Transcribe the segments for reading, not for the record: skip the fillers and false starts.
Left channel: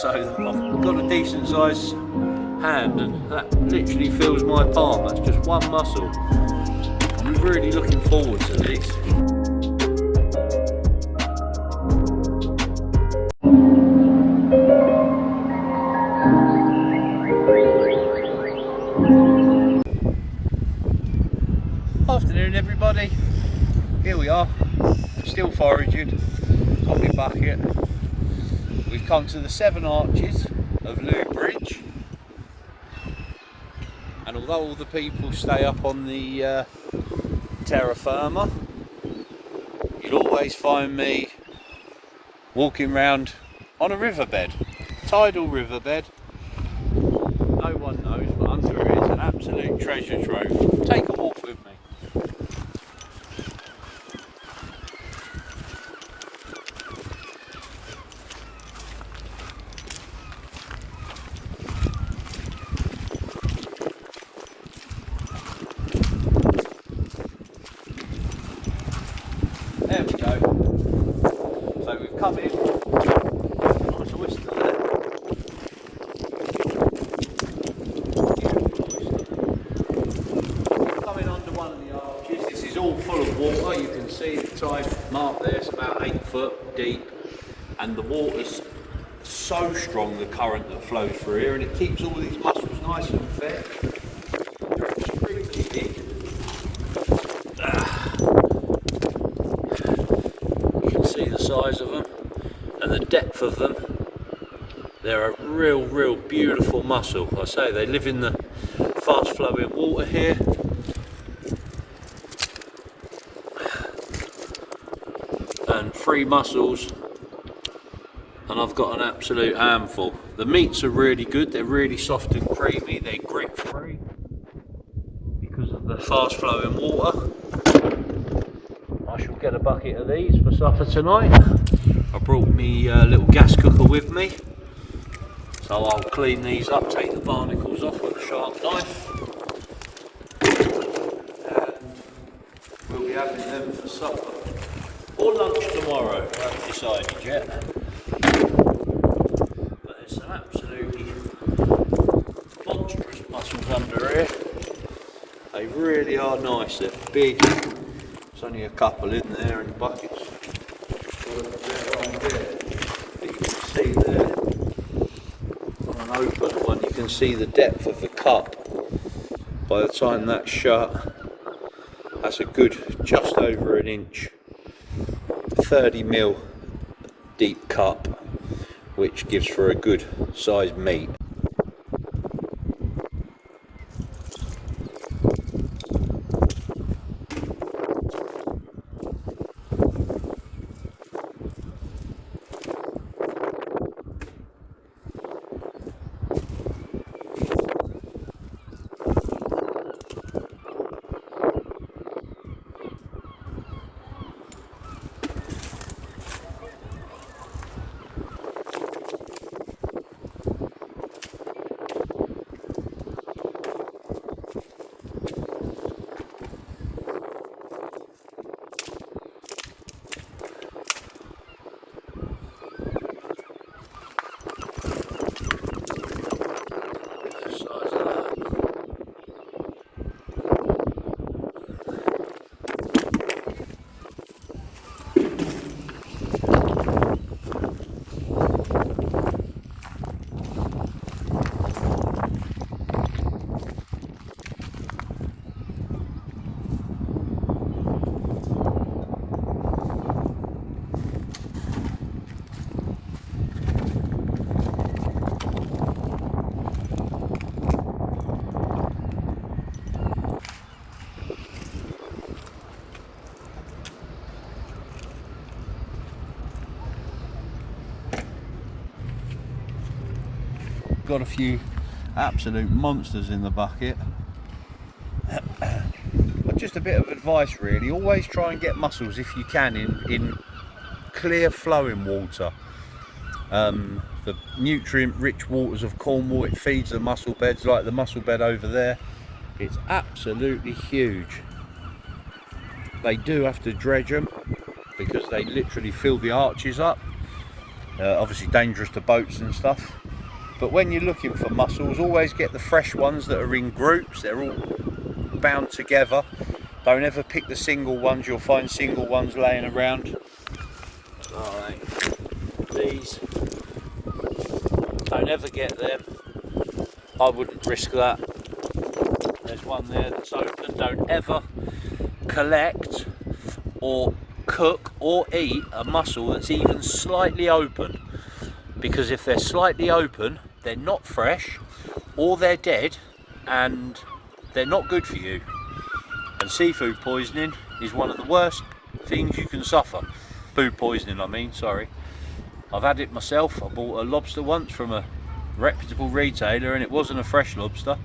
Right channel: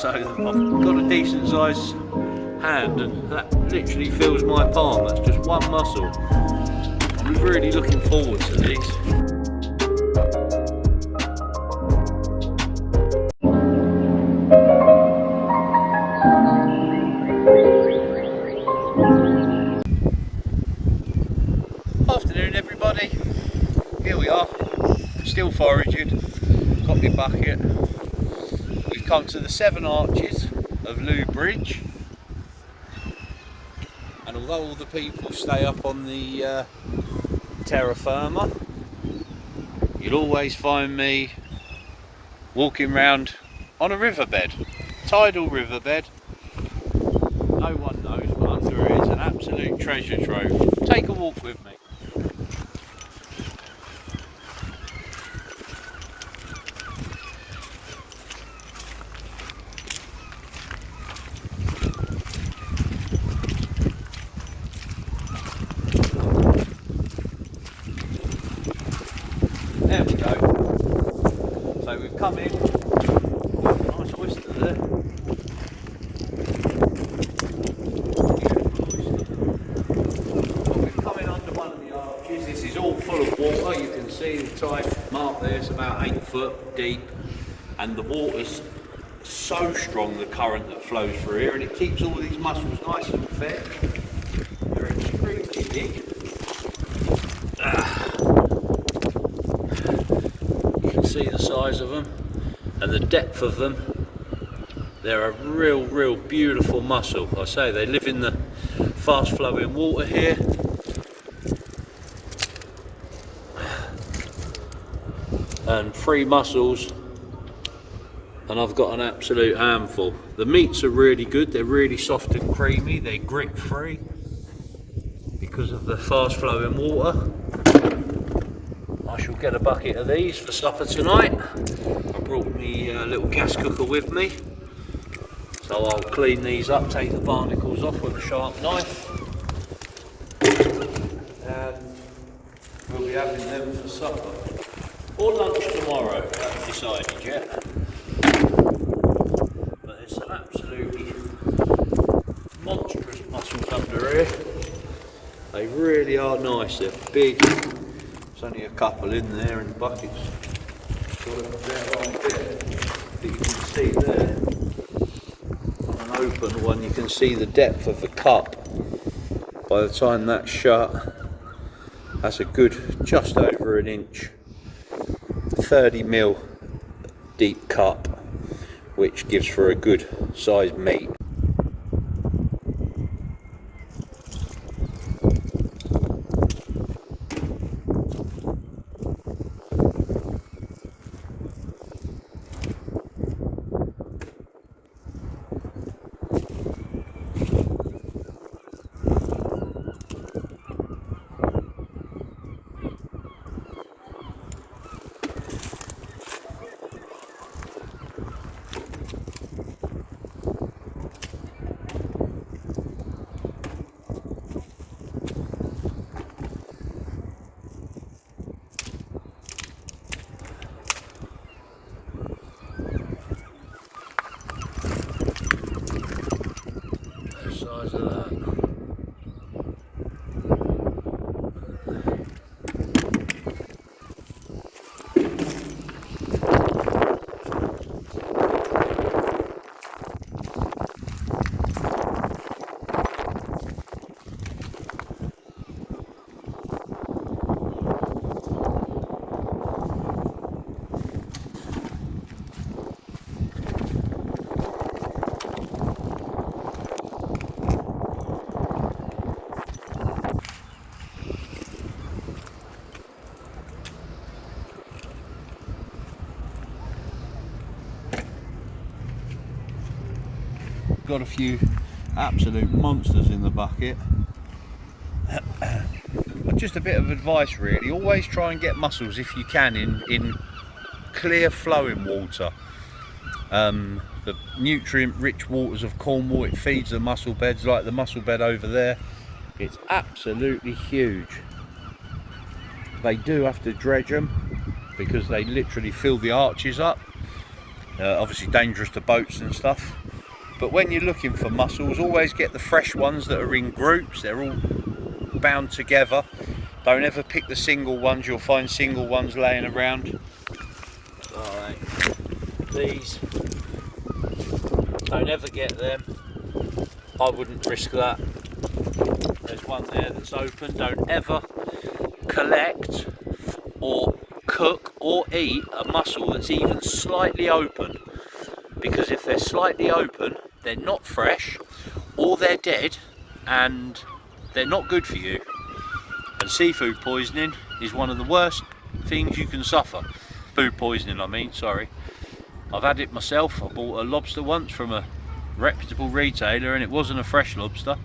So I've got a decent sized hand and that literally fills my palm. That's just one mussel. I'm really looking forward to these. Afternoon everybody, here we are, still foraging, got my bucket. We've come to the 7 arches of Looe Bridge, and although all the people stay up on the terra firma, you'll always find me walking round on a riverbed, tidal riverbed. No one knows what under it is, an absolute treasure trove. Take a walk with me. There we go. So we've come in. Nice oyster there. Coming under one of the arches. This is all full of water. You can see the tide mark there. It's about 8 foot deep, and the water's so strong, the current that flows through here, and it keeps all these mussels nice and fed. They're extremely big. See the size of them and the depth of them. They're a real beautiful mussel. I say they live in the fast flowing water here, and 3 mussels and I've got an absolute handful. The meats are really good, they're really soft and creamy, they're grit free because of the fast flowing water. I shall get a bucket of these for supper tonight. I brought me little gas cooker with me, so I'll clean these up, take the barnacles off with a sharp knife, and we'll be having them for supper or lunch tomorrow. I haven't decided yet, but there's some absolutely monstrous mussels under here. They really are nice, they're big. There's only a couple in there in buckets. You can see there, on an open one, you can see the depth of the cup. By the time that's shut, that's a good just over an inch, 30mm deep cup, which gives for a good sized meat. Got a few absolute monsters in the bucket. But just a bit of advice really, always try and get mussels if you can in clear flowing water. The nutrient rich waters of Cornwall, it feeds the mussel beds, like the mussel bed over there. It's absolutely huge. They do have to dredge them because they literally fill the arches up. Obviously dangerous to boats and stuff. But when you're looking for mussels, always get the fresh ones that are in groups. They're all bound together. Don't ever pick the single ones. You'll find single ones laying around. Right. These, don't ever get them. I wouldn't risk that. There's one there that's open. Don't ever collect or cook or eat a mussel that's even slightly open, because if they're slightly open, they're not fresh or they're dead and they're not good for you. And seafood poisoning is one of the worst things you can suffer. Food poisoning, I mean, sorry. I've had it myself. I bought a lobster once from a reputable retailer and it wasn't a fresh lobster,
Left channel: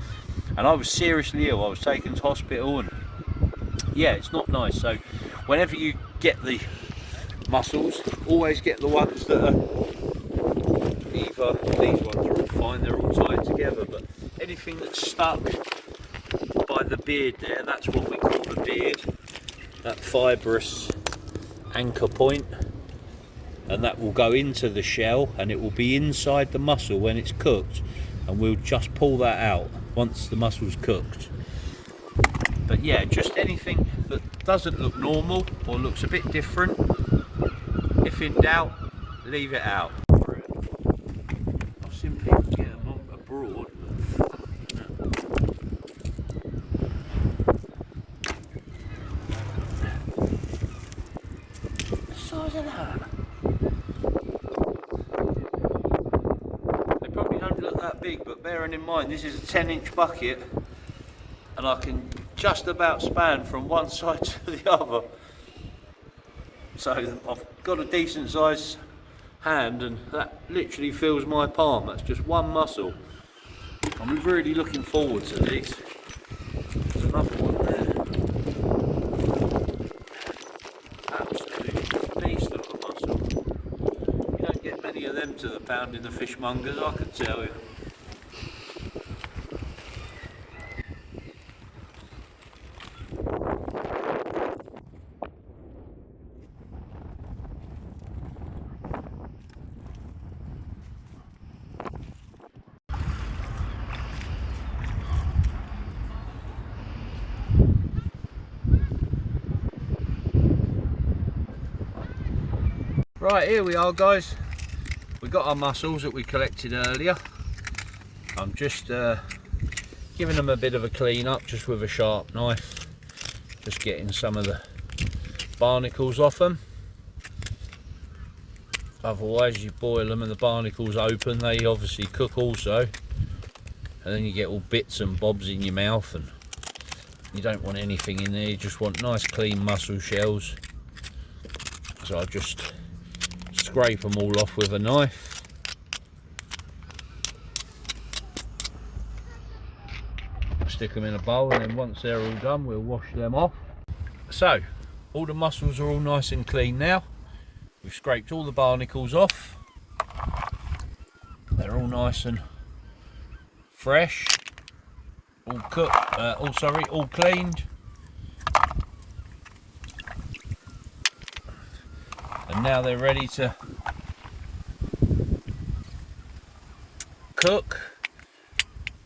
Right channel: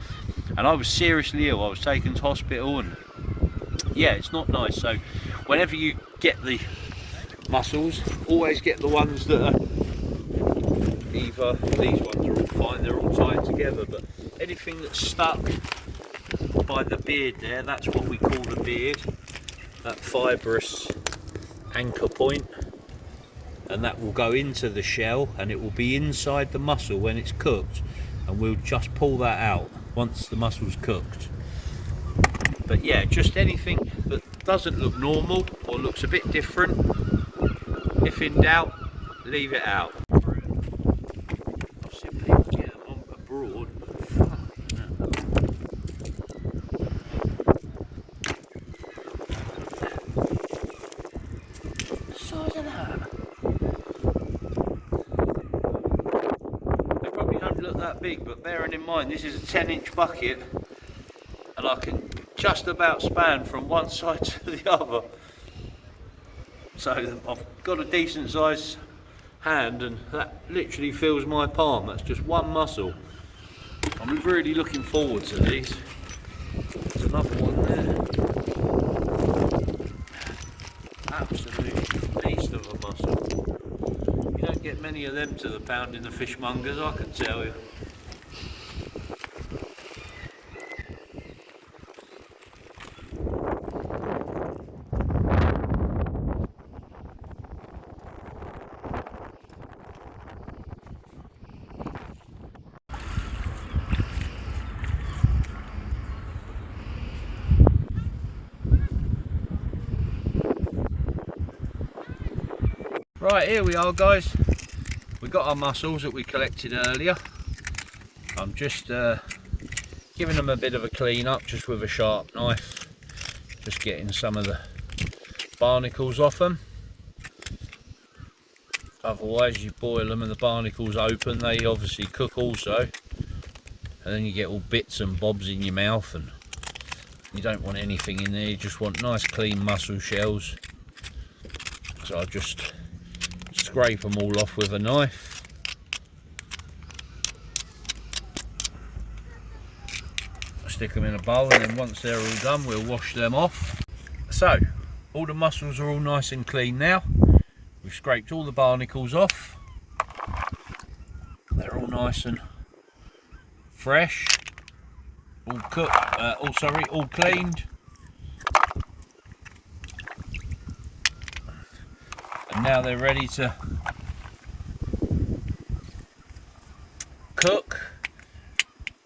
and I was seriously ill. I was taken to hospital, and yeah, it's not nice. So whenever you get the mussels, always get the ones that are either, these ones are all fine, they're all tied together, but anything that's stuck by the beard there, that's what we call the beard, that fibrous anchor point, and that will go into the shell and it will be inside the mussel when it's cooked, and we'll just pull that out once the mussel's cooked. But yeah, just anything that doesn't look normal or looks a bit different, if in doubt, leave it out. I'll simply get them on abroad. The size of that. They probably don't look that big, but bearing in mind this is a 10-inch bucket and I can just about span from one side to the other. So I've got a decent sized hand and that literally fills my palm. That's just one mussel. I'm really looking forward to these. There's another one there. Absolute beast of a mussel. You don't get many of them to the pound in the fishmongers, I can tell you. Right, here we are guys. We got our mussels that we collected earlier. I'm just giving them a bit of a clean up just with a sharp knife, just getting some of the barnacles off them. Otherwise you boil them and the barnacles open, they obviously cook also, and then you get all bits and bobs in your mouth and you don't want anything in there. You just want nice clean mussel shells. So I just scrape them all off with a knife. Stick them in a bowl, and then once they're all done we'll wash them off. So all the mussels are all nice and clean now. We've scraped all the barnacles off. They're all nice and fresh, all cooked, all cleaned. And now they're ready to cook.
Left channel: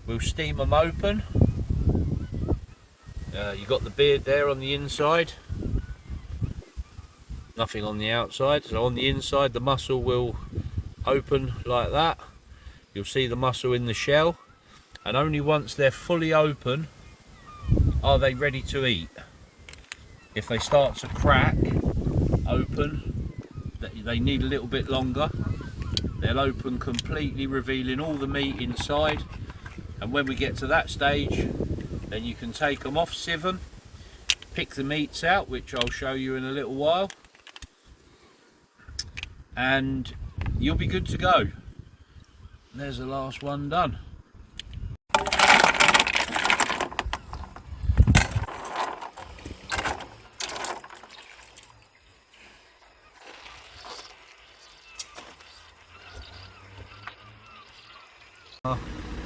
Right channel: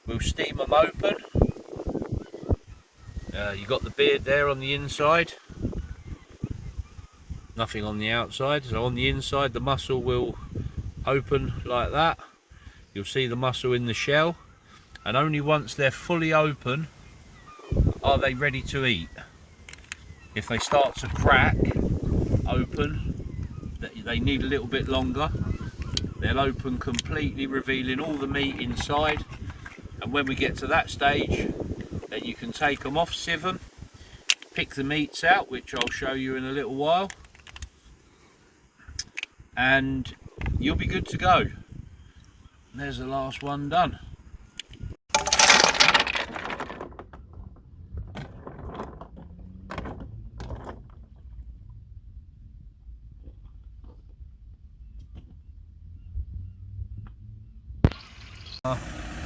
We'll steam them open. You've got the beard there on the inside, nothing on the outside. So on the inside the mussel will open like that. You'll see the mussel in the shell, and only once they're fully open are they ready to eat. If they start to crack open, they need a little bit longer. They'll open completely, revealing all the meat inside, and when we get to that stage, then you can take them off, sieve them, pick the meats out, which I'll show you in a little while, and you'll be good to go. There's the last one done.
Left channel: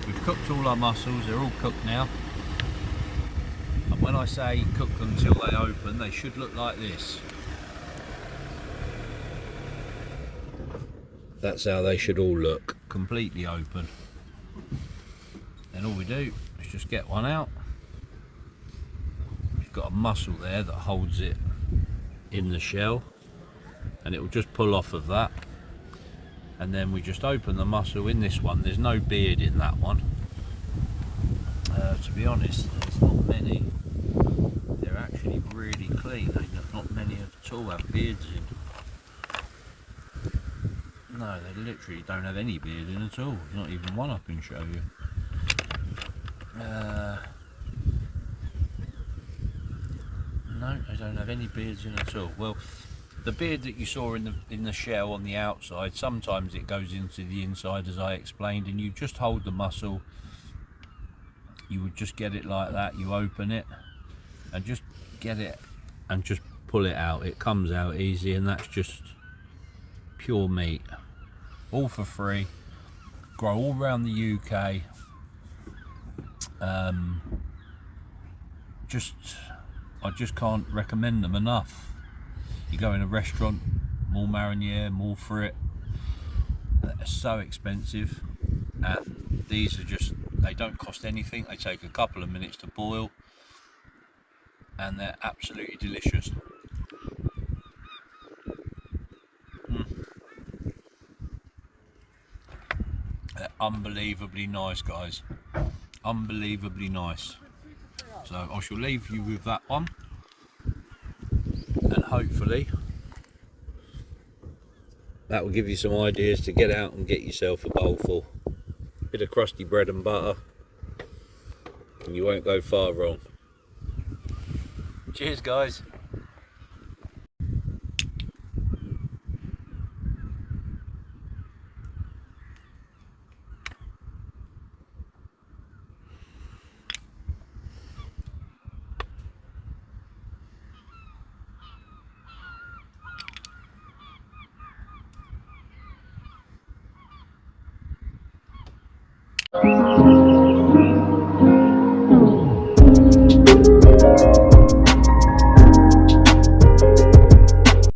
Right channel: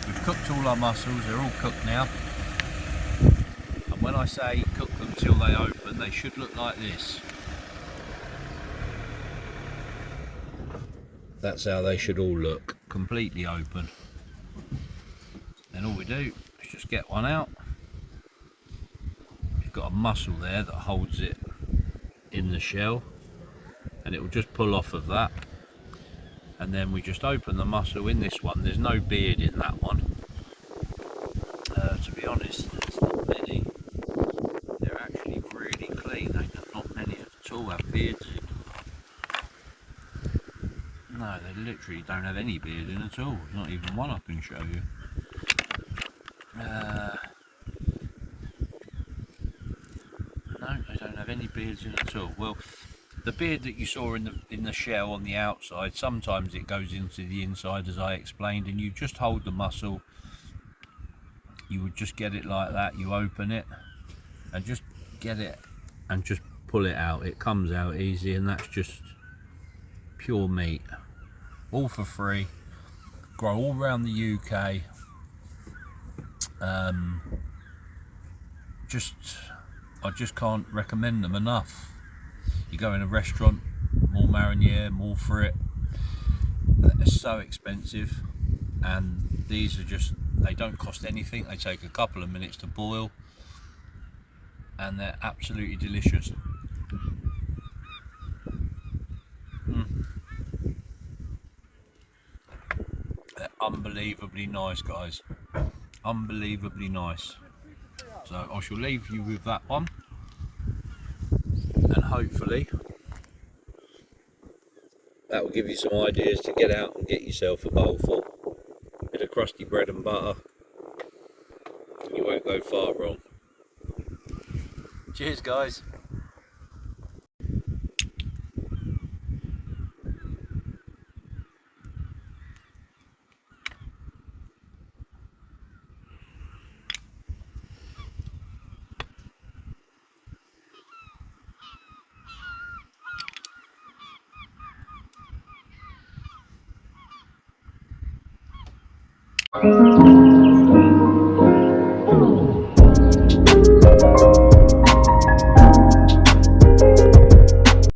We've cooked all our mussels, they're all cooked now. And when I say cook them till they open, they should look like this. That's how they should all look, completely open. And all we do is just get one out. We've got a mussel there that holds it in the shell, and it will just pull off of that. And then we just open the mussel. In this one, there's no beard in that one. To be honest, there's not many. They're actually really clean. Not many at all have beards in. No, they literally don't have any beard in at all. Not even one I can show you. No, they don't have any beards in at all. Well, the beard that you saw in the shell on the outside, sometimes it goes into the inside, as I explained, and you just hold the mussel. You would just get it like that. You open it and just get it and just pull it out. It comes out easy, and that's just pure meat, all for free. Grow all around the UK. I just can't recommend them enough. You go in a restaurant, more mariniere, more for it. They're so expensive, and these are just, they don't cost anything. They take a couple of minutes to boil, and they're absolutely delicious. They're unbelievably nice, guys. Unbelievably nice. So I shall leave you with that one, and hopefully that will give you some ideas to get out and get yourself a bowlful. Bit of crusty bread and butter, and you won't go far wrong. Cheers, guys.